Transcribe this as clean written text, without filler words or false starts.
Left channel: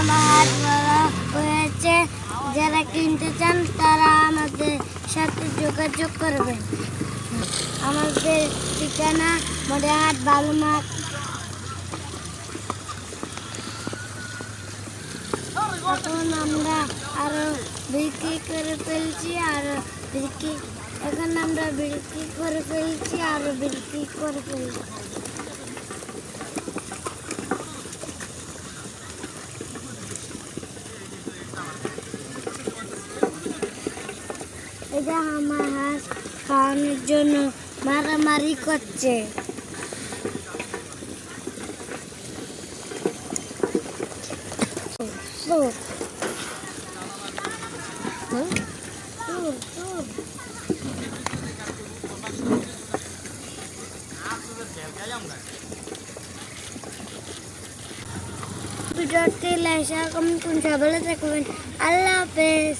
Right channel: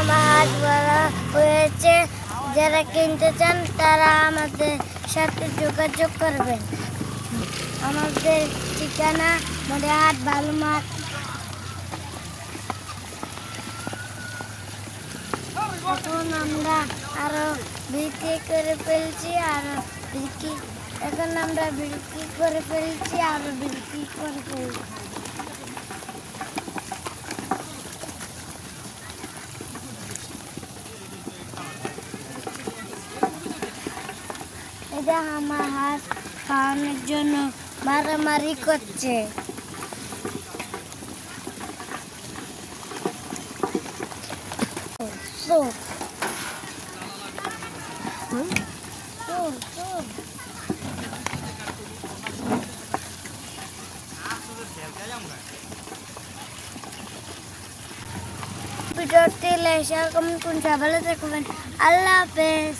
আমার হাট বড় হয়েছে, যারা কিনতে চান তারা আমাদের সাথে যোগাযোগ করবেন। আমাদের ঠিকানা মরিহাট বালুমাঠ। এখন আমরা আরো বিক্রি করে ফেলছি, এখন আমরা বিক্রি করে ফেলছি, আরো বিক্রি করে ফেলছি। এটা আমার হাঁস খাওয়ানোর জন্য মারামারি করছে। ভিডিওটি লাইক শেয়ার কমেন্ট করুন। ভালো থাকবেন। আল্লাহ হাফেজ।